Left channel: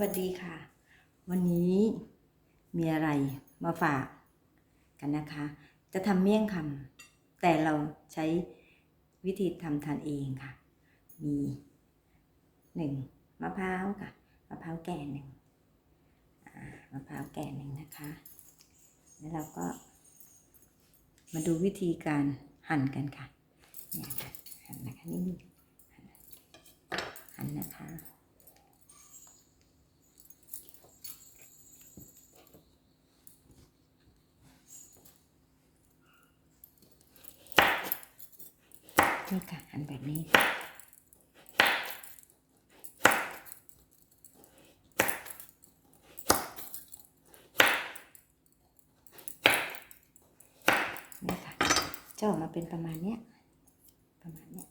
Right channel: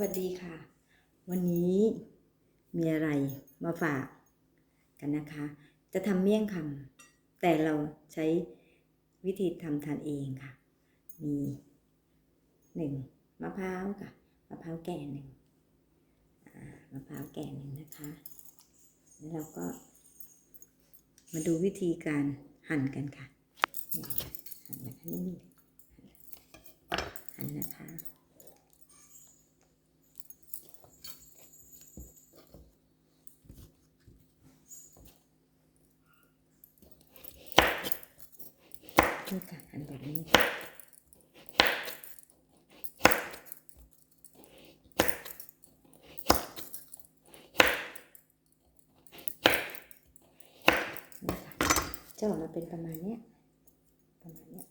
วัสดีค่ะ วันนี้มีอะไรมาฝากกันนะคะ จะทำเมี่ยงคำแต่เราใช้วิธีทำทานเองค่ะ มีหนึ่งมะพร้าวค่ะมะพร้าวแก่หนึ่งมะพร้าวแก่หนึ่งนะคะ แล้วเราก็ มาดูวิธีการหั่นกันค่ะเนี่ยค่ะหั่นนะคะนี่หั่นนะคะ นี่ค่ะหั่นแบบนี้ค่ะนี่ค่ะจะออกมาเป็นประมาณเนี้ยประมาณเนี้ย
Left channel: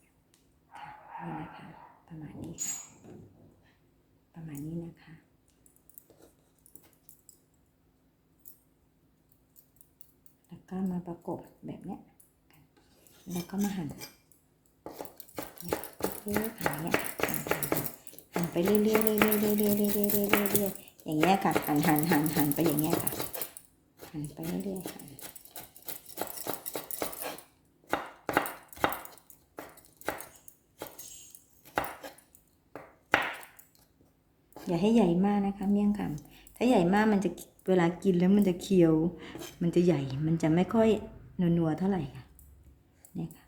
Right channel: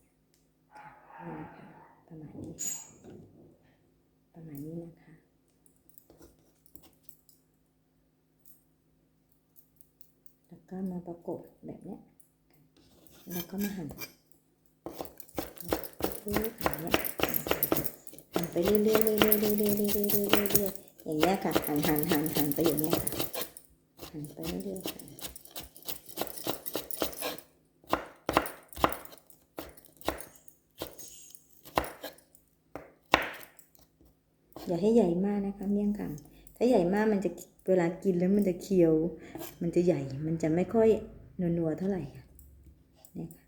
ค่ะนี่นะคะประมาณนี้ค่ะประมาณนี้นะคะแล้วก็มาประกบแบบเนี้ยแล้วก็มาหั่น เนี่ยหั่นเนี่ยหันไปเรื่อยๆเรื่อยๆเรื่อยๆเรื่อยๆเรื่อยๆเรื่อยๆอย่างเงี้ยค่ะหันหันหันหันไปอย่างเงี้ยค่ะหันไปเรื่อยๆหั่นอย่าให้ใหญ่มากนะคะเมี่ยงคำถ้าใหญ่มากมันจะเวลากินแล้วมันจะเคี้ยว มันจะใหญ่มันจะไม่ค่อยนัวๆเท่าไหร่ค่ะนี่ค่ะ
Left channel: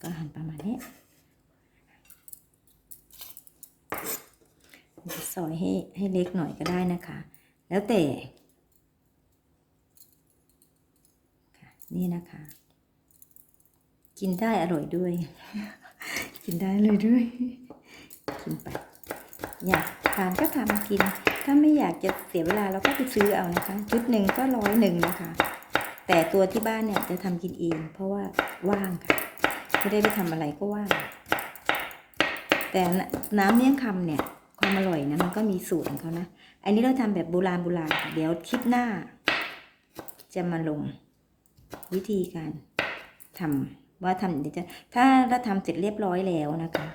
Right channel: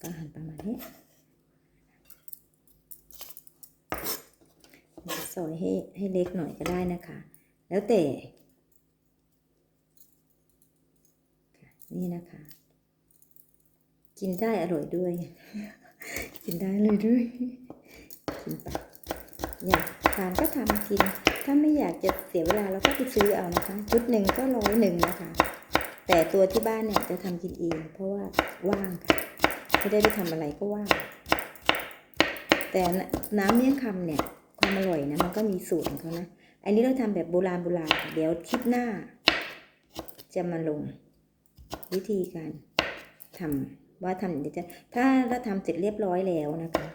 ก็หั่นประมาณนี้จะ ซอยให้ให้เล็กหน่อยก็ได้นะคะ แล้วแต่ค่ะนี่นะคะ กินได้อร่อยด้วย กินได้เลยด้วย กินไปอยากทานก็ทำกิน ถ้าไม่อยากจะเสียเวลาเราก็ไปซื้อเอานะคะ ชุดหนึ่งก็ร้อยหนึ่งนะคะ แต่ตัวที่บ้านเนี่ยจะทำกินเอง เพราะว่าว่างค่ะไม่ได้ไปทำอะไรก็ว่างแต่น้ำเมี่ยงคำเนี่ย ความอร่อยนะมันก็มีสูตรของเขานะ อันนี้เราทำแบบโบราณโบราณเดี๋ยวคลิปหน้า จะมาลงวิธีการทำว่าทำเดี๋ยวจะถ้าเราทำเสร็จเรียบร้อยแล้วนะคะ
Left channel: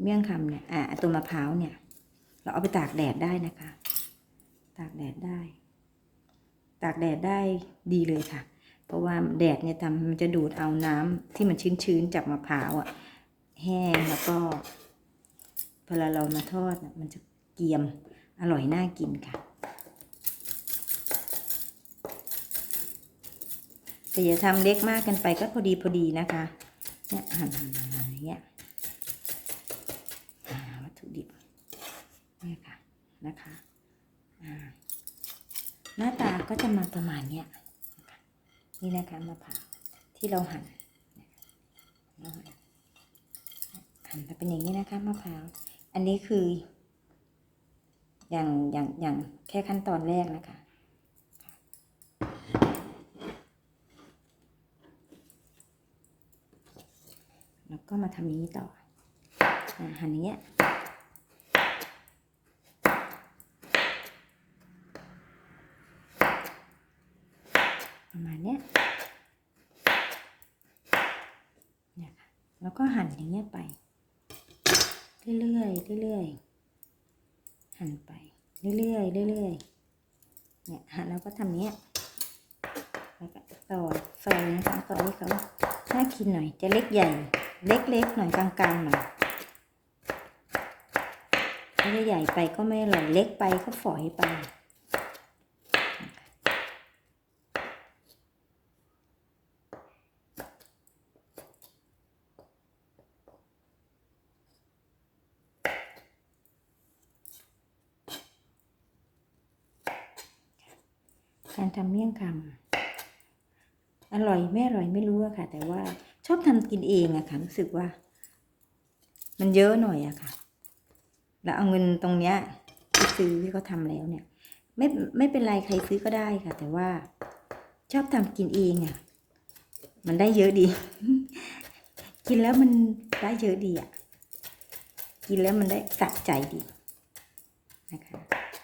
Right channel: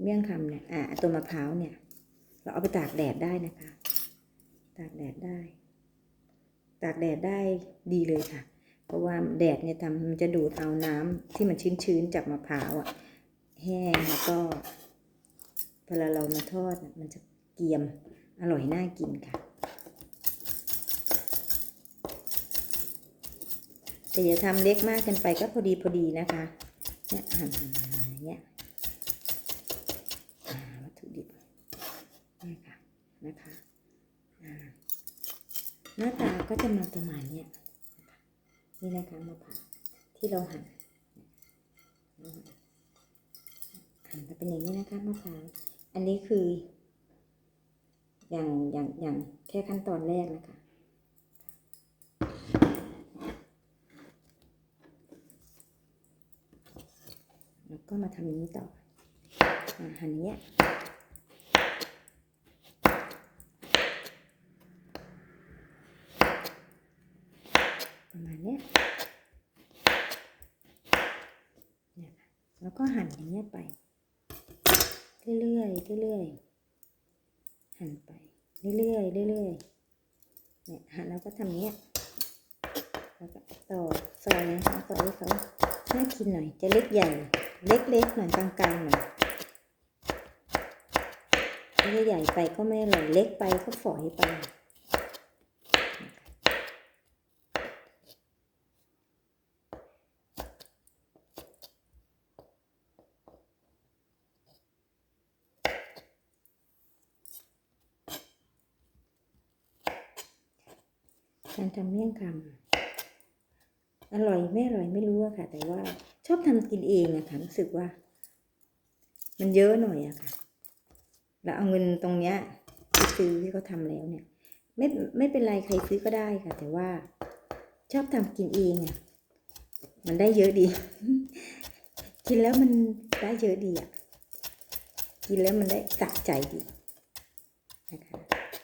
เมี่ยงคำเนี่ยอ่าตัวมะพร้าวเนี่ย เราเอาไปตากแดดได้นะคะ ตากแดดได้ ตากแดดได้ดีเลยค่ะ เพราะว่าแดดเนี่ยทำมันจะดูดเอาน้ำที่มันชื้นๆจากมะพร้าวอะแห้งแล้วก็ วลาเรามาทอดมันจะเกียมอร่อยน่ากินค่ะแต่อย่าทำเล็กมากเกินไปก็พอดีพอดีนะคะ เนี่ยหั่นอย่างเงี้ยวัตถุดิบเนี่ยค่ะนะคะหน้าตาก็จะมาประมาณเนี้ยนี่นะคะมะพร้าวที่เราหั่นเราหั่นหั่นมาเป็นอย่างนี้นะคะมะพร้าว อันนี้คืออย่างอย่างอย่างแค่ขั้นตอนแรกนะคะ แล้วก็มาทำอย่างนี้ต่ออหั่นอย่างเงี้ยประมาณเนี้ยเนี่ยค่ะแล้วก็หั่นอย่างเงี้ยไป เรื่อยๆเรื่อยๆหั่นไปเรื่อยๆเรื่อยๆเนี่ยหั่นแล้วก็ทำเนี้ยแล้วก็ต่อซอยนะคะต่อยเขาน่ากินหน่อย จะเล็กใหญ่ เล็กๆหน่อยกลางๆหน่อยไม่ใหญ่ไปก็ไม่อร่อยเล็กไปก็ฝอยไป การทำเมี่ยงคำอร่อยไม่อร่อยไม่รู้อะค่ะ แต่ว่าชอบทำกินเองอะค่ะรู้สึกว่า มันเยอะหน่อยอะค่ะ แล้วเอาเงินตรงเนี้ยไปซื้อที่เขาทำแล้วเนี่ย ไม่ไม่เป็นไรใครซื้อก็ได้ค่ะ แต่ว่าชอบทำกินเองอะมันได้เยอะดี กินแล้วมันได้เยอะดีอะกินแล้วมันได้สะใจดีนะคะ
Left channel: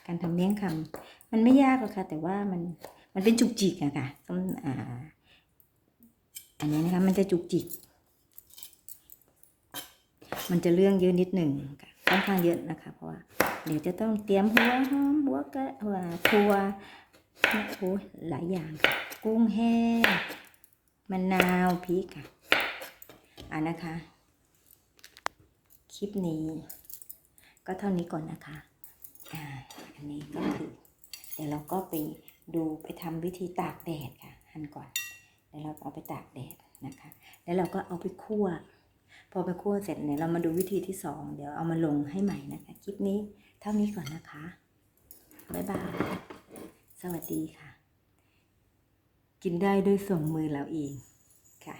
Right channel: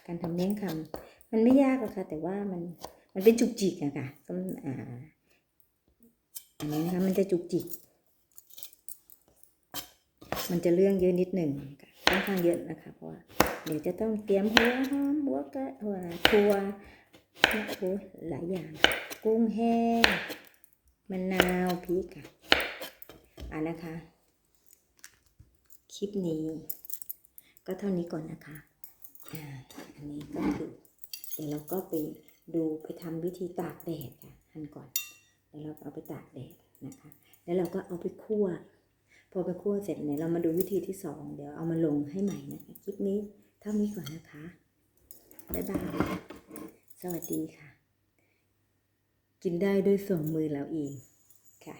การทำเมี่ยงคำ มันไม่ยากหรอกค่ะ แต่ว่ามันมันเป็นจุกจิกอะค่ะต้นอ่าอันนี้นะคะมันจะจุกจิก มันจะเรื่องเยอะนิดหนึ่งค่ะค่อนข้างเยอะนะคะ เพราะว่าเดี๋ยวจะต้องเตรียมหัวหอมหัวกะหัวทัวโอ้ยหลายอย่าง กุ้งแห้งมะนาวพริกค่ะอ่านะคะ คลิปนี้ ก็เท่านี้ก่อนนะคะ อ่า อันนี้ก็คือ ดี๋ยวเราก็ไปดูไปทำวิธีตากแดดค่ะหั่นก่อนแล้วเราเอาไปตากแดดนะคะ แล้วเราก็เอาไปคั่ว พอไปคั่วเสร็จเนี่ยเรามาดูวิธีที่สองเดี๋ยวเอามาลงให้ใหม่นะคะคลิปนี้เท่านี้ก่อนนะคะบ๊ายบายสวัสดีค่ะ กินได้ด้วยสองมือเราเองค่ะ